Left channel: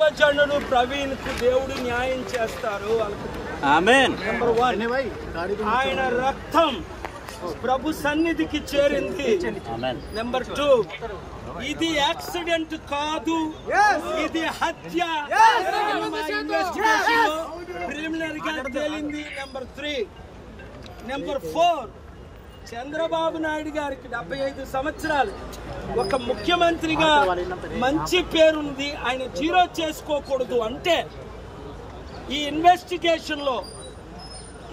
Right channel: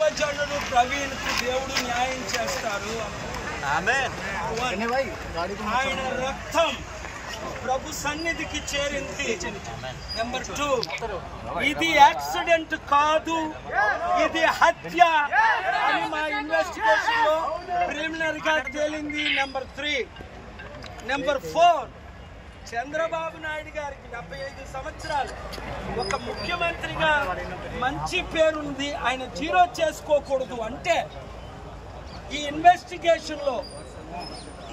జనుడు ప్రవీణ్ కు దేవుడు న్యాయం చేస్తారు ఆమేన్. నెంబర్ 1 ఆయన రక్తం ప్రభు సన్నిధికి చేరింది. నెంబర్ 2 ఇది యాక్సిడెంట్ కాదు, ఇది హత్య అని మా ఇన్వెస్టిగేషన్ లో ప్రిలిమినరీ గా తేలింది. నెంబర్ 3 నెంబర్ 4 చంద్రబాబు నాయుడు గారికి 75 సంవత్సరాలు ఒక ముఖ్యమంత్రిగా మంచి పేరుంది, ఆయన జీరో చేసుకోకూడదు అంటే ఈ ఇన్వెస్టిగేషన్ లో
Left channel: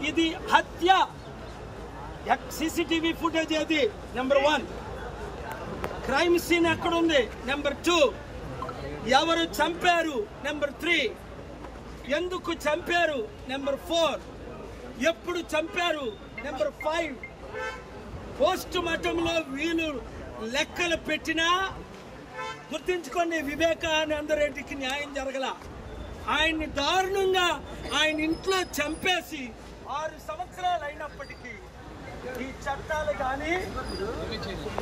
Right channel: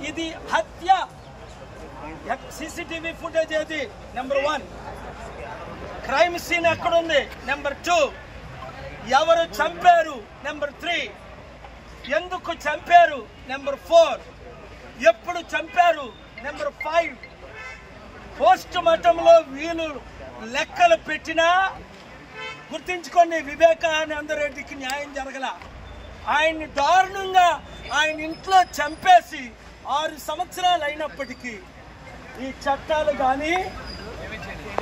ఇది హత్య. సీసీటీవీ ఫుటేజ్ ఏది? నెంబర్ 1 క్రైమ్ సీన్ ఎక్కడుంది? నెంబర్ 2 ఎవరు చంపారు? నెంబర్ 3 ఎందుకు చంపారు? నెంబర్ 4 ఎప్పుడు చంపారు? నెంబర్ 5 పోస్ట్ మార్టంలో వీళ్ళు లెక్కలు పెట్టినా గుర్తించుకోండి, వివేకానంద రెడ్డికి న్యాయం జరగల. ఆయన్ని దారుణంగా ఆయన ఇంట్లో చంపేసి 6 సంవత్సరాలు అయినప్పటికీ ఈ చట్టాలు కానీ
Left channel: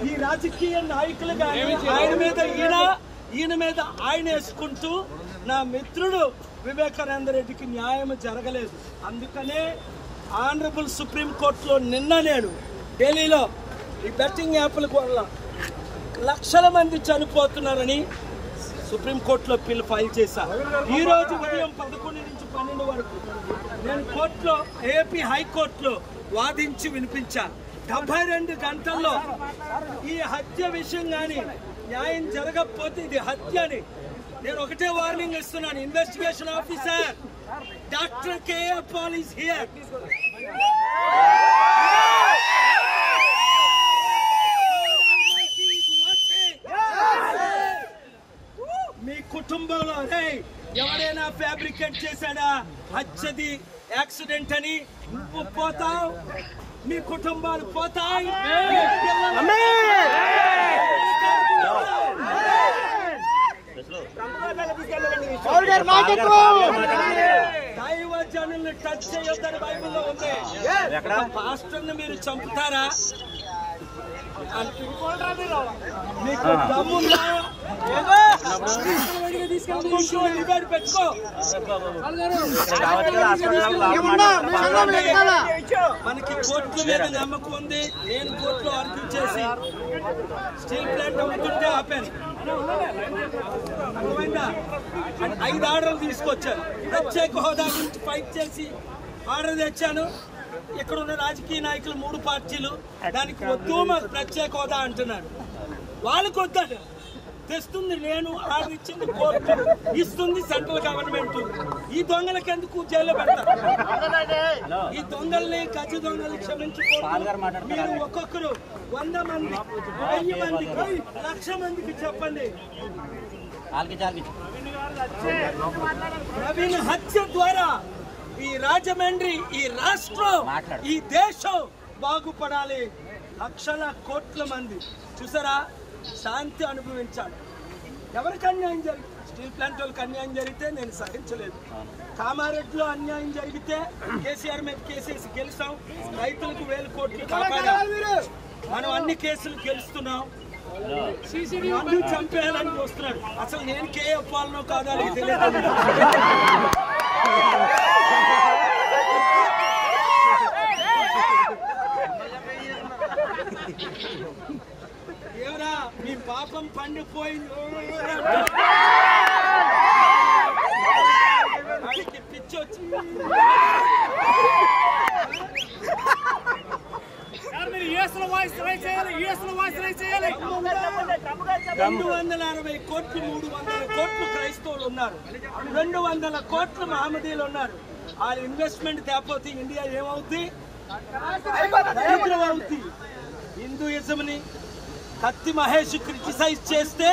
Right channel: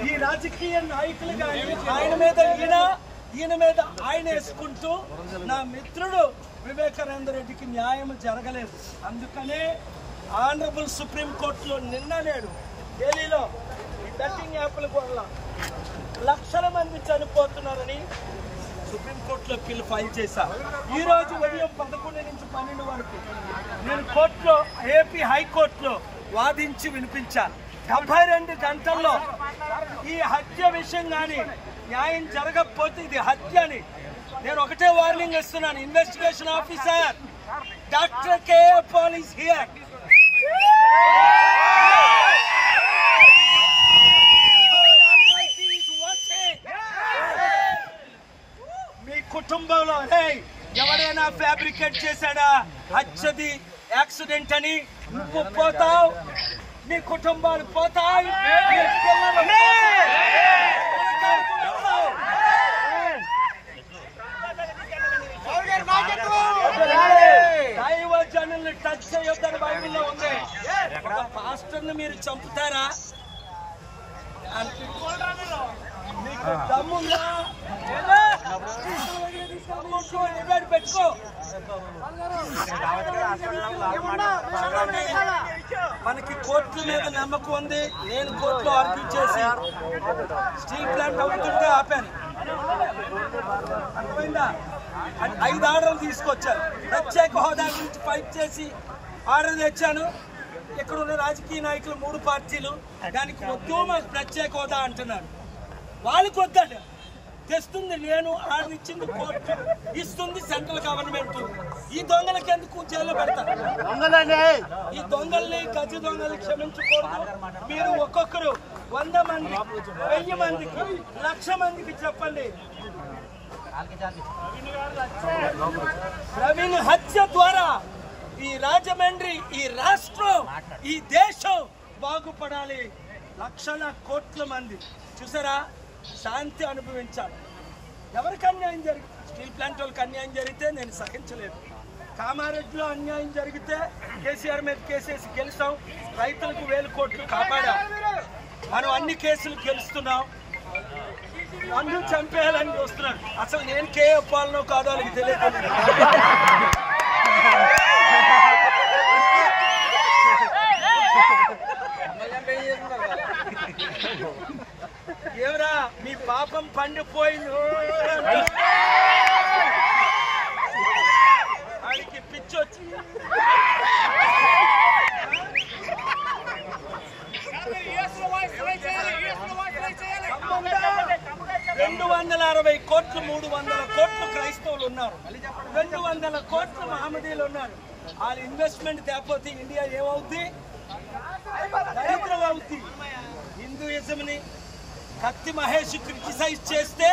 ఈ రాజకీయ నాయకులు కానీ ఆయన మీద ఈయన మీద ఆయన వేసుకుంటూ నా మిత్రుడు వివేకానంద రెడ్డికి న్యాయం జరగలేదు. అందుకనే ఆనరబుల్ సుప్రీం కోర్టులో నిన్న నేను ఢిల్లీలో ఈ బెట్టింగ్ యాప్ల వల్ల లక్షల మంది చనిపోతున్నారని సుప్రీంకోర్టులో పిల్ ఫైల్ చేశా. ఈ రోజు ఉదయం 11 నుంచి 12 వరకు నేను కోర్టులో ఏపీ హైకోర్టులో వాదించి వినిపించా. 72 గంటల్లో ఈ హత్య విషయం కానీ న్యాయం జరగకపోతే ఇది హత్య అని నేను ఒకటే వార్నింగ్ ఇస్తున్నాను. Investigation officer doctor KA Paul is here. మీ కుటుంబంలో ఎవరైనా ఫ్యాబ్రికేట్ చేశాడా హత్యది యాక్సిడెంట్ అని నువ్వు పోతావు, నీ కుటుంబాలు పోతాయి, దైవజనుల్ని టచ్ చేయొద్దని బైబిల్లో ఉంది. ఒక పాస్టర్ని మీరు చంపుతారా? మీకు దమ్ముందా? డిబేట్ పెట్టుకో. మనకి కోర్టుల మీద నమ్మకం ఉంది. నేను కోర్టులో ఆర్గ్యూ చేసి స్టీల్ ప్లాంట్ అమ్ముతుంటే ఆపాను. అర్థమైందా? 5 ఆర్డర్లు తీసుకొచ్చాను. ప్రత్యేక హోదా గురించి ఫైట్ చేసి ఆర్డర్ తెచ్చాను. ఇక్కడ ఉన్న రాజకీయ నాయకులు 3 పార్టీలు దానికి వద్దు మాకు ప్రత్యేక హోదా అంటున్నారు. వాళ్ళకి వద్దాట తెస్తుంది నేను, ఆర్డర్ ఇచ్చింది కోర్టు, ఇస్తుంది సెంట్రల్ గవర్నమెంట్. ఈ దొంగలకి ఎందుకు జైల్లో పెడతారు? ఈ దొంగల్ని గజి దొంగల్ని క్షమించకూడదు. మీరు ఒక్కొక్కరు 100 మంది 1000 మందికి 1,00,000 మందికి చెప్పండి, ప్రవీణ్ హత్య ద్వారా ఈ రాజమండ్రి, ఈ రాష్ట్రం, ఈ దేశం బాగుపడాలి. లక్షల కోట్ల మంది చూసారా శాంతి అనుభవించాలి. ఎవరికి అన్యాయం జరిగింది? స్టీల్ ప్లాంట్ వాళ్ళకి అన్యాయం జరిగితే నేను సహించలేదు. కామారెడ్డిలో అన్యాయం జరిగితే కేసీఆర్ మీద కేసేసి గెలిచాం. రైతులకు 1000 కోట్లు కాపాడాం. మనం అన్ని కేసులు గెలుస్తున్నాం. నన్ను చంపేయాలని చూస్తున్నాడు. అసలు నేను కేఏ పాలనో కాదో వాళ్ళకి తెలియదు. ఎవరా మీ పాపం పండిపోయింది వాడికి పిచ్చొచ్చి 260 కోట్లు 300 కోట్లు క్రైస్తవులు ఉన్నారు, 200 కోట్లు మహమ్మదీలు ఉన్నారు. వాళ్ళ ఇన్వెస్ట్మెంట్ తేపోతే ఇండియా ఏమవుద్ది? దరిద్రం అవుద్ది. హిందూయిజంని కత్తి మహేష్ క్రిటిసైజ్ చేస్తే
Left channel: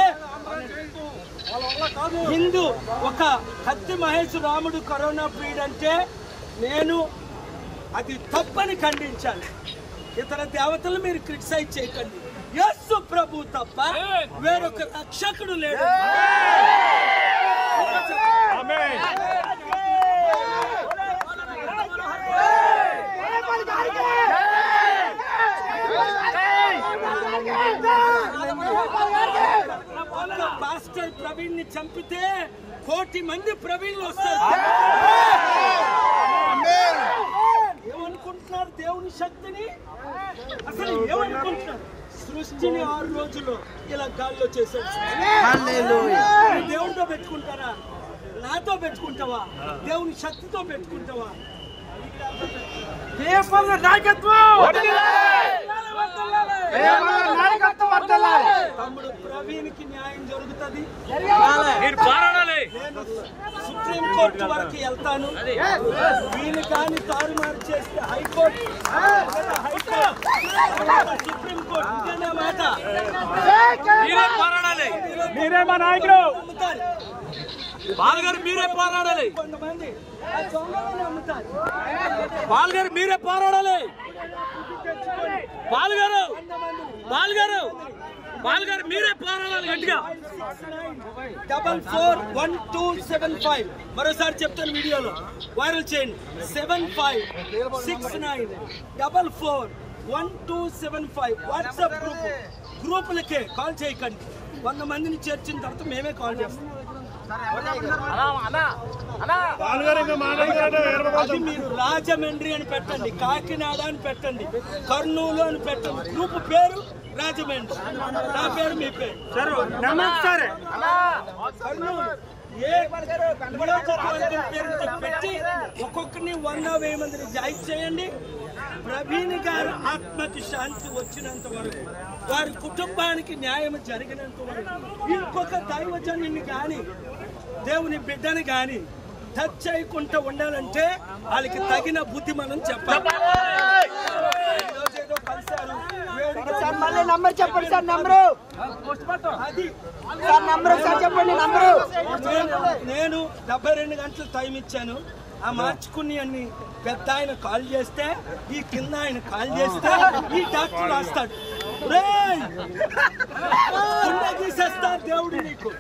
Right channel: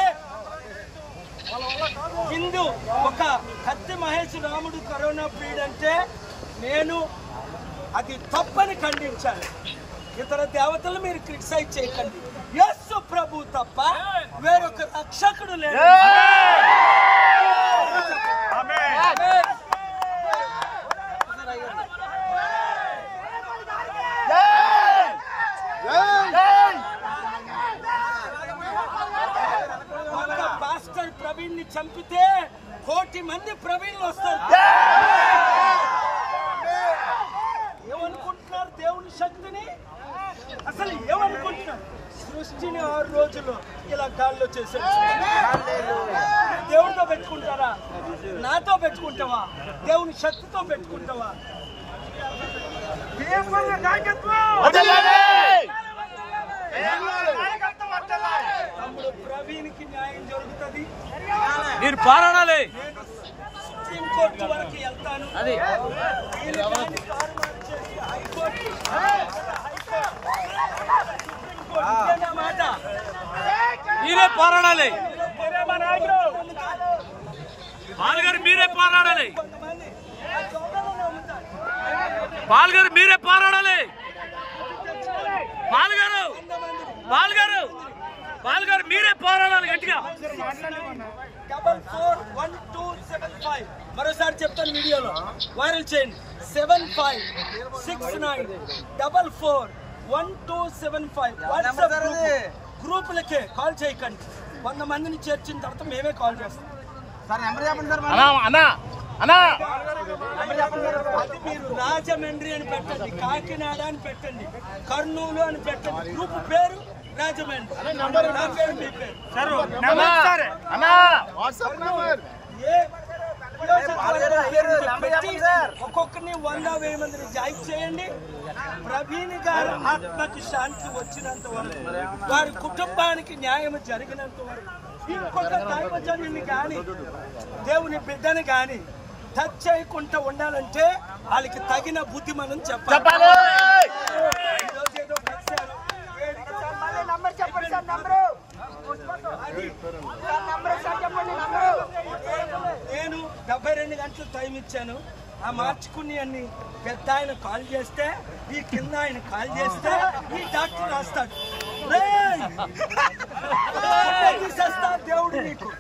హిందూ ఒక కత్తి మహేష్ రాముడు కరోనా పీరియడ్ అంటే నేను అది తప్పని ఖండించాను. ఇతర దేవతలు మీరు క్రిటిసైజ్ చేయకండి. యేసు ప్రభు తప్ప వేరొక రక్షకుడు లేడు. పాస్టర్ ప్రవీణ్ ని చంపితే కోటి మంది ప్రవీణులు వస్తారు. ఏమనుకుంటున్నారు దేవుని శక్తిని? అసలు ఏమనుకుంటున్నారు? సృష్టిని 6 రోజుల్లో ఇలా గాల్లో చేశాడు. దేవుడితో పెట్టుకుంటారా? నాతో పెట్టుకుంటావా? దేవుని శక్తితో పెట్టుకుంటావా? తమ్ముడు ప్రవీణ్కి న్యాయం జరుగుతుంది. మీరు పోరాడాలి. నేను సుప్రీం కోర్టు వరకు వెళ్తాను. వీళ్ళు కానీ తారుమారు చేస్తే హైకోర్టు, సుప్రీం కోర్టు. ఇదేనా మాట? మీరే పోరాడాలి. మీరే మా నాయకుడు. పాల్గారు మీరే పోరాడాలి. కొంతమంది నమ్ముతారు. పాల్గారు మీరే పోరాడాలి. పాల్గారు మీరే పోరాడాలి గట్టిగా. 441275 మరోసారి చెప్తాను, వీడియోలో వైరల్ చేయండి. 7569441275 వాట్సాప్ గ్రూపులకే కాల్ చేయకండి. 100 మందిని చేర్చిన తర్వాత మేమే కాల్ చేస్తాం. అది మీరు రాజమండ్రి అని పెట్టండి, కాకినాడ అని పెట్టండి, కర్నూలు అని పెట్టండి. గ్రూప్ పేరు రాజమండ్రి, నా పేరు మీ పేరు. కర్నూలు ఏ నియోజకవర్గం పేరు పెట్టి ఒక్కొక్కరిని 100-1000 మందిని జాయిన్ చేయండి. ప్రవీణ్ గారి ఆత్మకి శాంతి వచ్చినంత వరకు, వారి కుటుంబానికి న్యాయం జరిగినంత వరకు, ఇంకొక దైవజనుని కానీ దేవుని బిడ్డని కానీ టచ్ చేయకుండా ఉండాలంటే వాళ్ళకి తగిన బుద్ధి మనం చెప్పాలి. ఈరోజు ఏదో కలిశారు, వేడిగా అది నేను 72 గంటలు టైం ఇచ్చాను. ఆ మార్చుకుని అన్ని పెద్ద ఆయన కాల్ చేస్తే, ఈ కింద ఆయన కాల్ చేస్తే ఈ డాక్టర్ రాస్తాడు, గీసేస్తా దేవుడు నీకు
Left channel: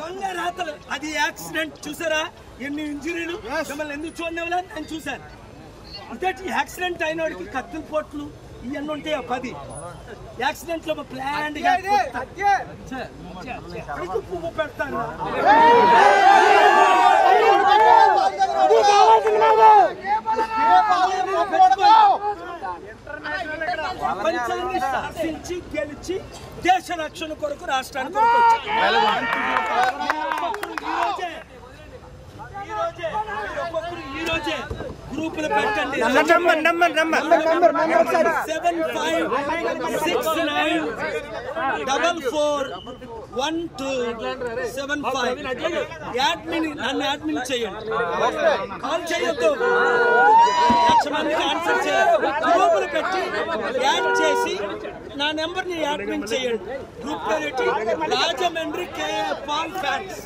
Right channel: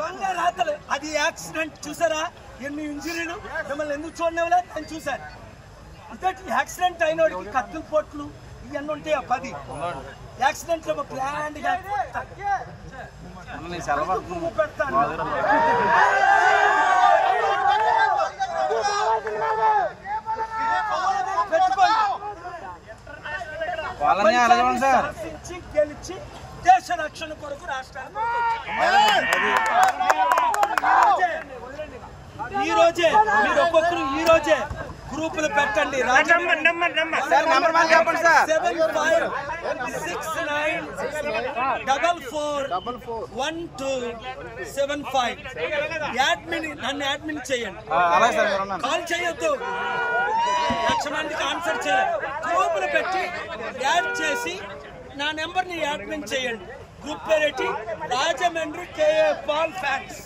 దొంగ రాతలు. అది యాక్సిడెంట్. చూసారా ఎన్ని ఇంజరీలు? మిమ్మల్ని ఎందుకు చూడనివ్వలే? నేను చూశాను. అంటే యాక్సిడెంట్ అయిన వాడికి కత్తుల పోట్లు ఇవన్నీ ఉంటాయి. 10 యాక్సిడెంట్ లో ప్లాండ్ గా పువ్వు పెడతాను. ప్రపంచాన్ని శాసించి గెలిచి దేశ రక్షణ కొరకు రాష్ట్రానికి ఈ రోజే మీరు ఒక్కొక్కరు ఈ రోజే గ్రూపులు పెట్టండి. 7569441275 నన్ను యాడ్మిన్ చేయండి. కాల్ చేయొద్దు, 1,00,000 మందికి ఆన్సర్ చేయాలి. గ్రూపులు పెట్టి యాడ్ చేసి నా నెంబర్ని యాడ్మిన్ చేయండి. గ్రూప్ పేరేటి రాజమండ్రి కేఏ పాల్ ఫ్యాన్స్.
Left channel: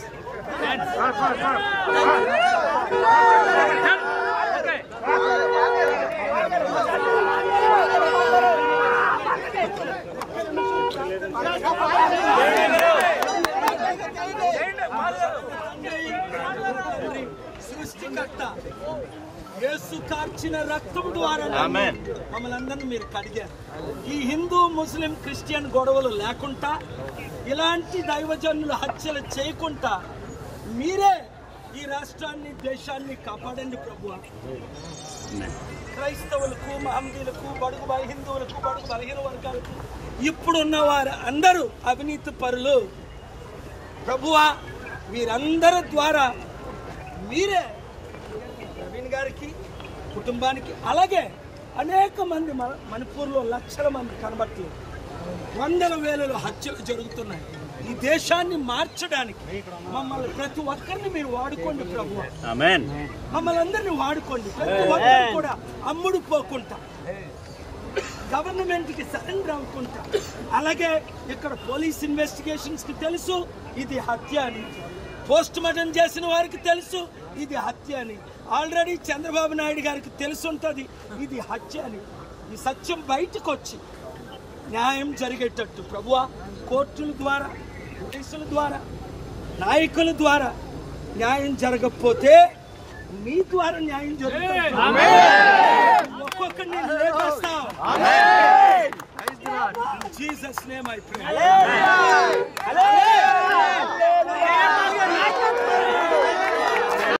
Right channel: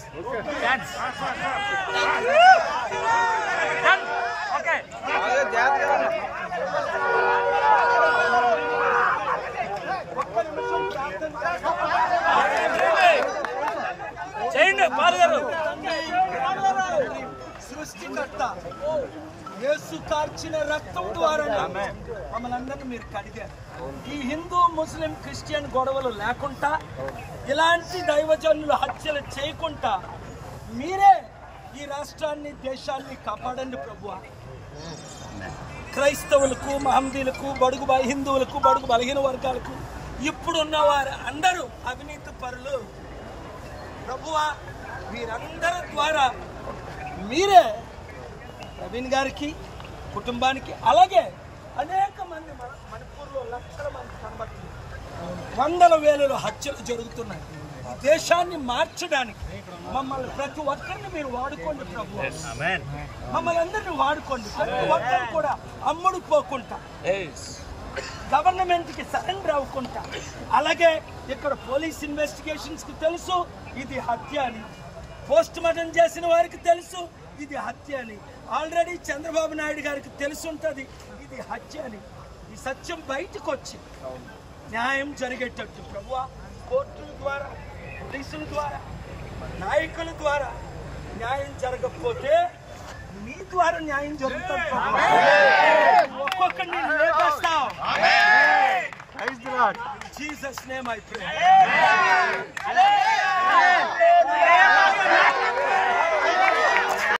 సృష్టికర్త యేసు కార్చిన రక్తం ద్వారా మమ్మల్ని అందరినీ మీరు కడిగారు. ఈ హిందూ ముస్లిం క్రిస్టియన్ గొడవలు లేకుండా, ఇలాంటి దైవజనులు హత్యలు చేయకుండా మీరే ఈ రాష్ట్రాన్ని దేశాన్ని కాపాడండి ప్రభువా. క్రైస్తవులకు, మహమ్మదీలకు, హిందువులకు, బడుగు బలహీన వర్గాలకు ఇప్పుడున్న వారు అందరూ అవినీతి పరులు ప్రభువా. వీరందరి ద్వారా మీరే ప్రవీణ్ గారికి, కుటుంబానికి, అలాగే అనేక మంది మణిపూర్లో 1,00,000 మంది కనబడుతున్నారు. 100,000 హత్యలు జరుగుతున్నాయి. ఈ దేశాన్ని మార్చడానికి మమ్మల్ని ప్రతి ఒక్కరిని మీరు వాడుకోండి ప్రభు. మమ్మల్ని అందరినీ వాడుకోండి. ప్రతి ఒక్కరు కూడా అమ్ముడు పోకుండా, గవర్నమెంట్ కి సరెండర్ అవ్వకుండా. అలాగే ఇక్కడ పోలీస్ ఇన్వెస్టిగేషన్స్ కి తెలుసు ఇది హత్య అని, పోస్ట్ మార్టం చేసిన వారికి తెలుసు ఇది హత్య అని, ఆల్రెడీ చంద్రబాబు నాయుడు గారికి తెలుసుంటది ఇది హత్య అని. ఈ సత్యం బయటకు వచ్చి న్యాయం జరిగేటట్టు ప్రభువా, కోర్టుల ద్వారా, పోలీసుల ద్వారా, నాయకుల ద్వారా న్యాయం జరగకపోతే నీ ద్వారా న్యాయం జరుగుతుంది. ఒక్కొక్కరిని లేపేస్తావు. In Jesus' name I pray. జయమాగ